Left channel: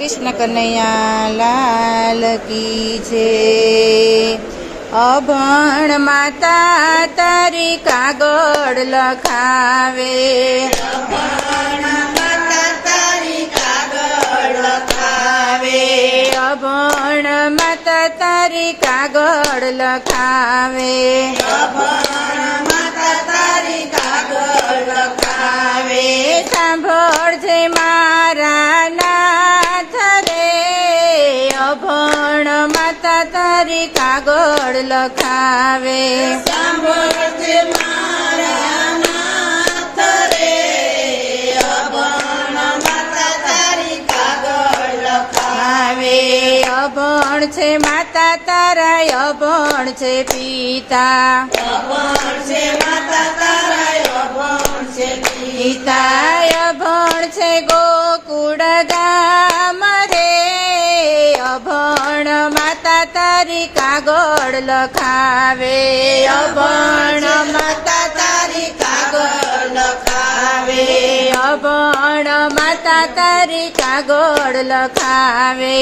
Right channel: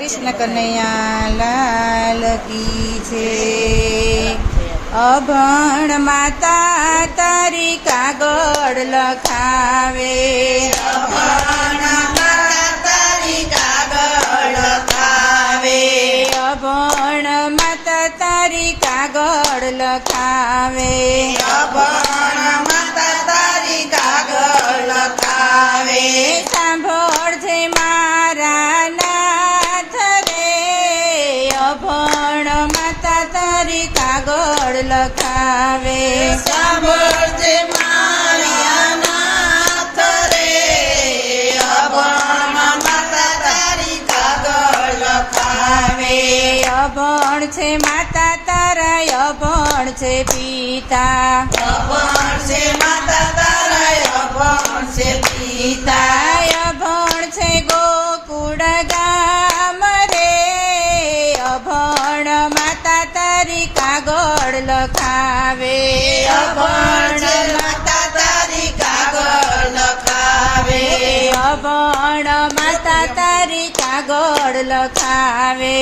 કૃષ્ણ કનૈયા લાલ કી છે। અભણ માતા તારી કાગળ લખાવે, અભણ માતા તારી કાગળ લખાવે, સાંભળજે મારા નાથ રે, અભણ માતા તારી કાગળ લખાવે, સાંભળજે મારા નાથ રે, અભણ માતા તારી કાગળ લખાવે, અભણ છે માતા તારા, અભણ છે પિતા, અભણ છે માતા તારા, અભણ છે પિતા, અભણ છે ગોકુળ ગામ રે, અભણ માતા તારી કાગળ લખાવે, અભણ માતા તારી કાગળ લખાવે, અભણ માતા તારી કાગળ લખાવે,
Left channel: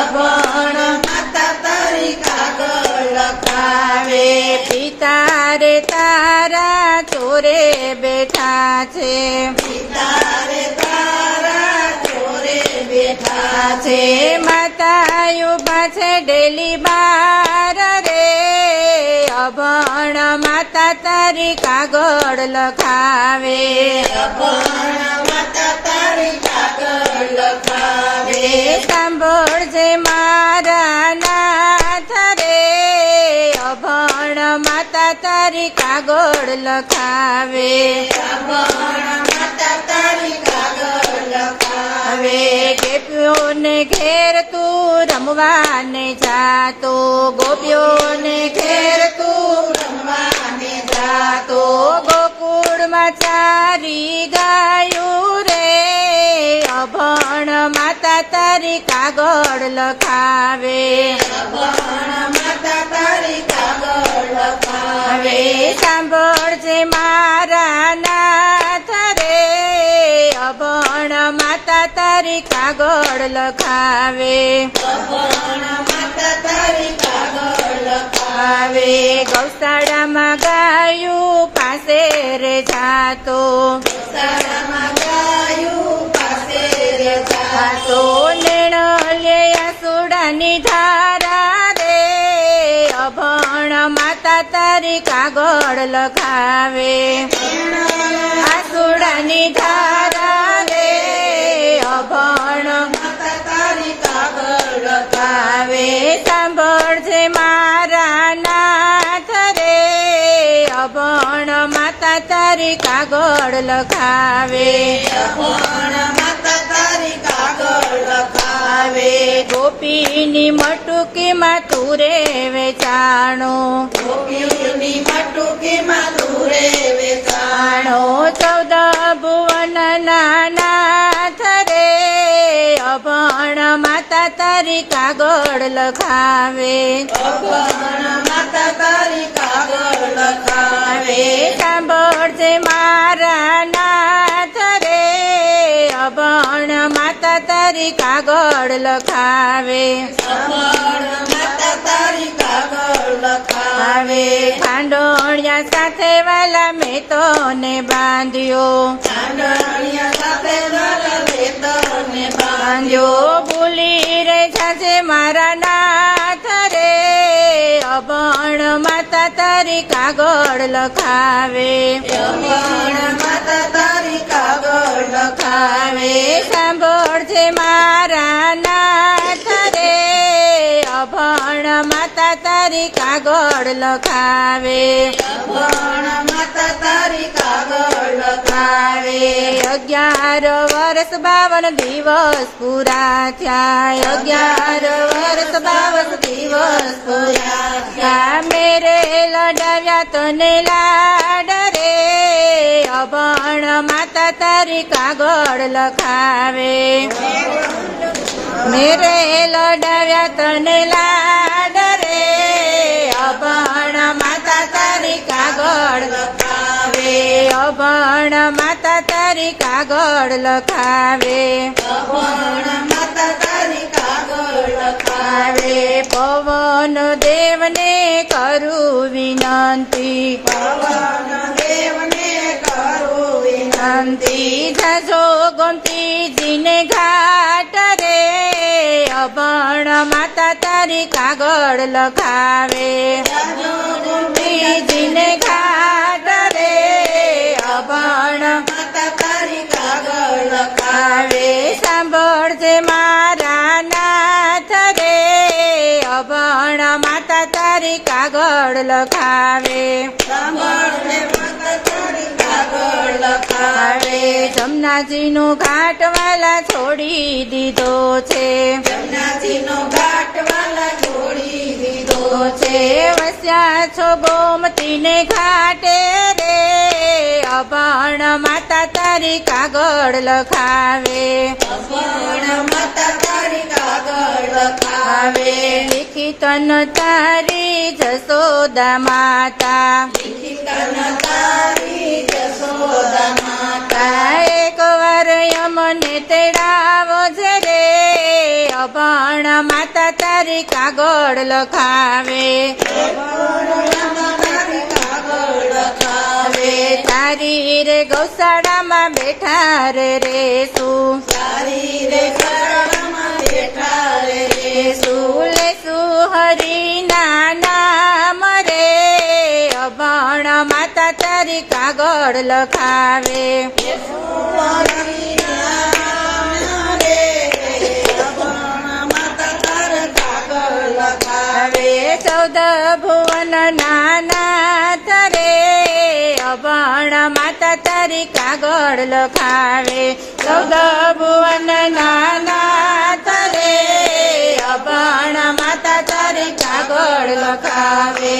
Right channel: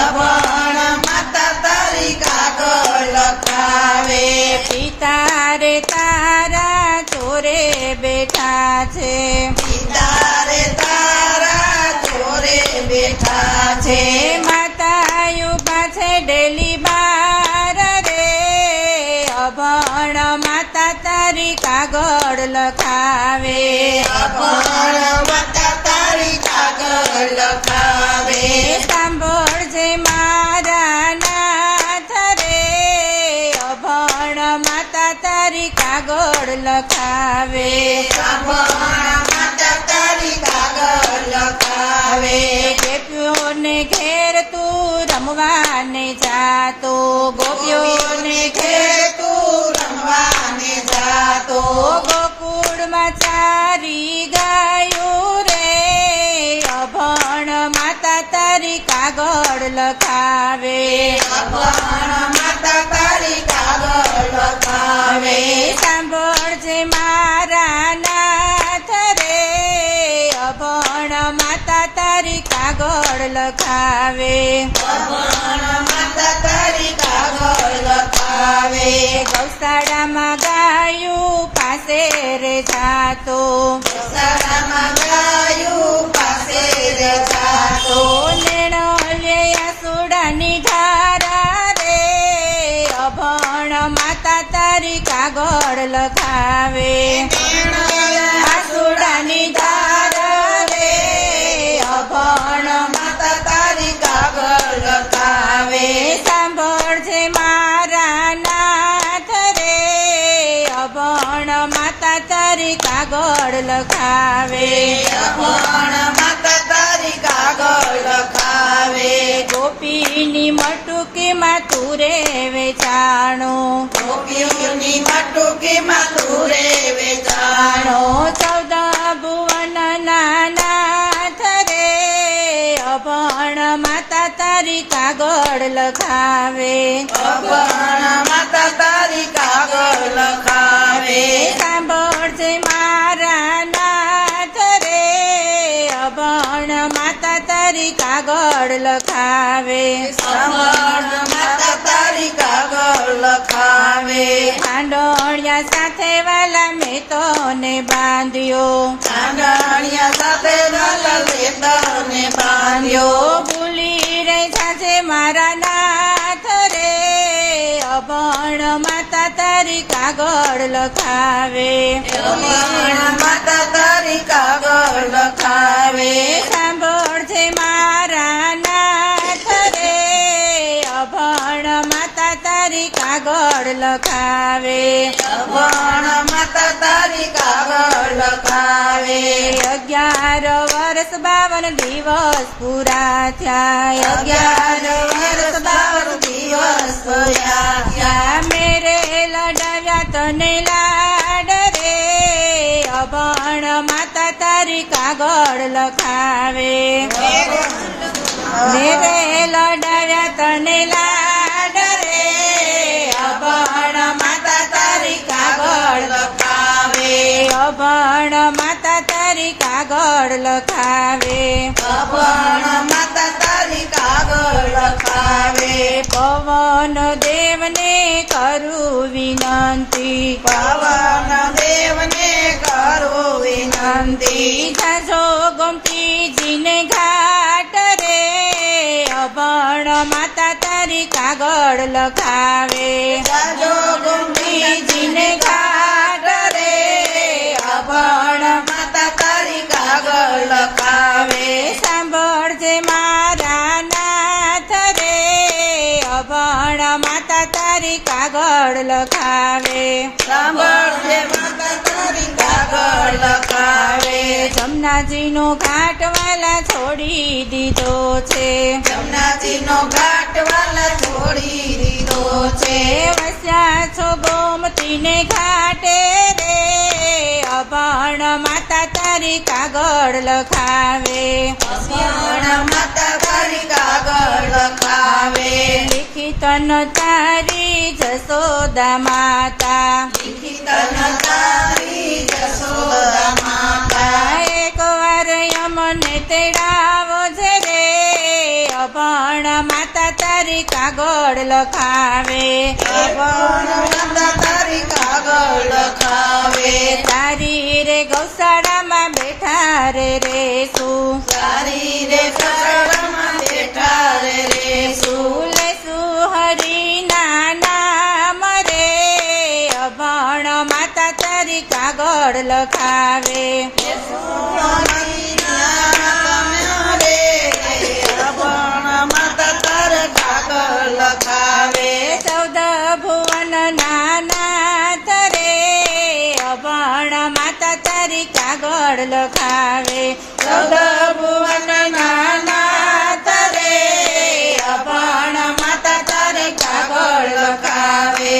અભણ માતા તારી કાગળ લખાવે, પિતા રે તારા ચોરે બેઠા છે, પિતા રે તારા ચોરે બેઠા છે, માતા ઉભા છે ડેલી બાર રે, અભણ માતા તારી કાગળ લખાવે, અભણ માતા તારી કાગળ લખાવે, સાંભળજે મારા નાથ રે, અભણ માતા તારી કાગળ લખાવે, અભણ માતા તારી કાગળ લખાવે, ગોપીઓને ઘેર તું રમવાને જાતો, ગોપીઓને ઘેર તું રમવાને જાતો, ગોકુળમાં ચારી ગાયું રે, અભણ માતા તારી કાગળ લખાવે, અભણ માતા તારી કાગળ લખાવે, સાંભળજે મારા નાથ રે, અભણ માતા તારી કાગળ લખાવે, અભણ માતા તારી કાગળ લખાવે, ગૌશાળામાં ગાયું પાસે રે જાતો, ગૌશાળામાં ગાયું પાસે રે જાતો, લેણ લે આસુડાની ધારા રે, અભણ માતા તારી કાગળ લખાવે, આસુડાની ધારા રે, અભણ માતા તારી કાગળ લખાવે, સાંભળજે મારા નાથ રે, અભણ માતા તારી કાગળ લખાવે, અભણ માતા તારી કાગળ લખાવે, ગોપીની મટુકીમાં તું રે વેચાણો, ગોપીઓની મટુકીમાં તું રે વેચાણો, 14 ભુવન નાથ રે, અભણ માતા તારી કાગળ લખાવે, અભણ માતા તારી કાગળ લખાવે, સાંભળજે મારા નાથ રે, અભણ માતા તારી કાગળ લખાવે, અભણ માતા તારી કાગળ લખાવે, ખાંડોળિયા સાથે વાલા મેં તો ને બાંધ્યો, ચાંદણિયા સાથે વાલા લેતરને બાંધ્યો, બાંધ્યો ભૂલી રે જાજે મારા નાથ રે, અભણ માતા તારી કાગળ લખાવે, અભણ માતા તારી કાગળ લખાવે, સાંભળજે મારા નાથ રે, અભણ માતા તારી કાગળ લખાવે, અભણ માતા તારી કાગળ લખાવે, 11 વર્ષ 52 દિવસ પૂરા થયા, 11 વર્ષ 52 દિવસ પૂરા થયા, મેરે લડાવ્યા તને લાડ રે, અભણ માતા તારી કાગળ લખાવે, મેરે લડાવ્યા તને લાડ રે, અભણ માતા તારી કાગળ લખાવે, અભણ માતા તારી કાગળ લખાવે, અભણ માતા પવન દેવને કરું વિનંતી પવન દેવને કરું વિનંતી જાજો ગોમતીજીને ઘાટ રે અભણ માતા તારી કાગળ લખાવે જાજો ગોમતીજીને ઘાટ રે અભણ માતા તારી કાગળ લખાવે સાંભળજે મારા નાથ રે અભણ માતા તારી કાગળ લખાવે સાંભળજે માતા તારી કાગળ લખાવે જમનાજીનો ઘાટ વાલા છોડી દીધો છે જમનાજીનો ઘાટ વાલા છોડી દીધો છે વસ્યા છો ગોમતીને ઘાટે રે અભણ માતા તારી કાગળ લખાવે અભણ માતા તારી કાગળ લખાવે લિખિત તારી જસોદા માતા લિખિતન તારી જશોદા માતા એક વાર યમને તેડાવો છે રે અભણ માતા તારી કાગળ લખાવે અભણ માતા તારી કાગળ લખાવે તારી રે ગૌશાળામાં બેઠા રે રેશું તારી રે શરણમાં બેઠા રે રેશું લેશું હરિના નામ રે અભણ માતા તારી કાગળ લખાવે ચૌદ ભુવન નાનાથ રે અભણ માતા તારી કાગળ લખાવે ચૌદ ભુવન નાનાથ રે અભણ માતા તારી કાગળ લખાવે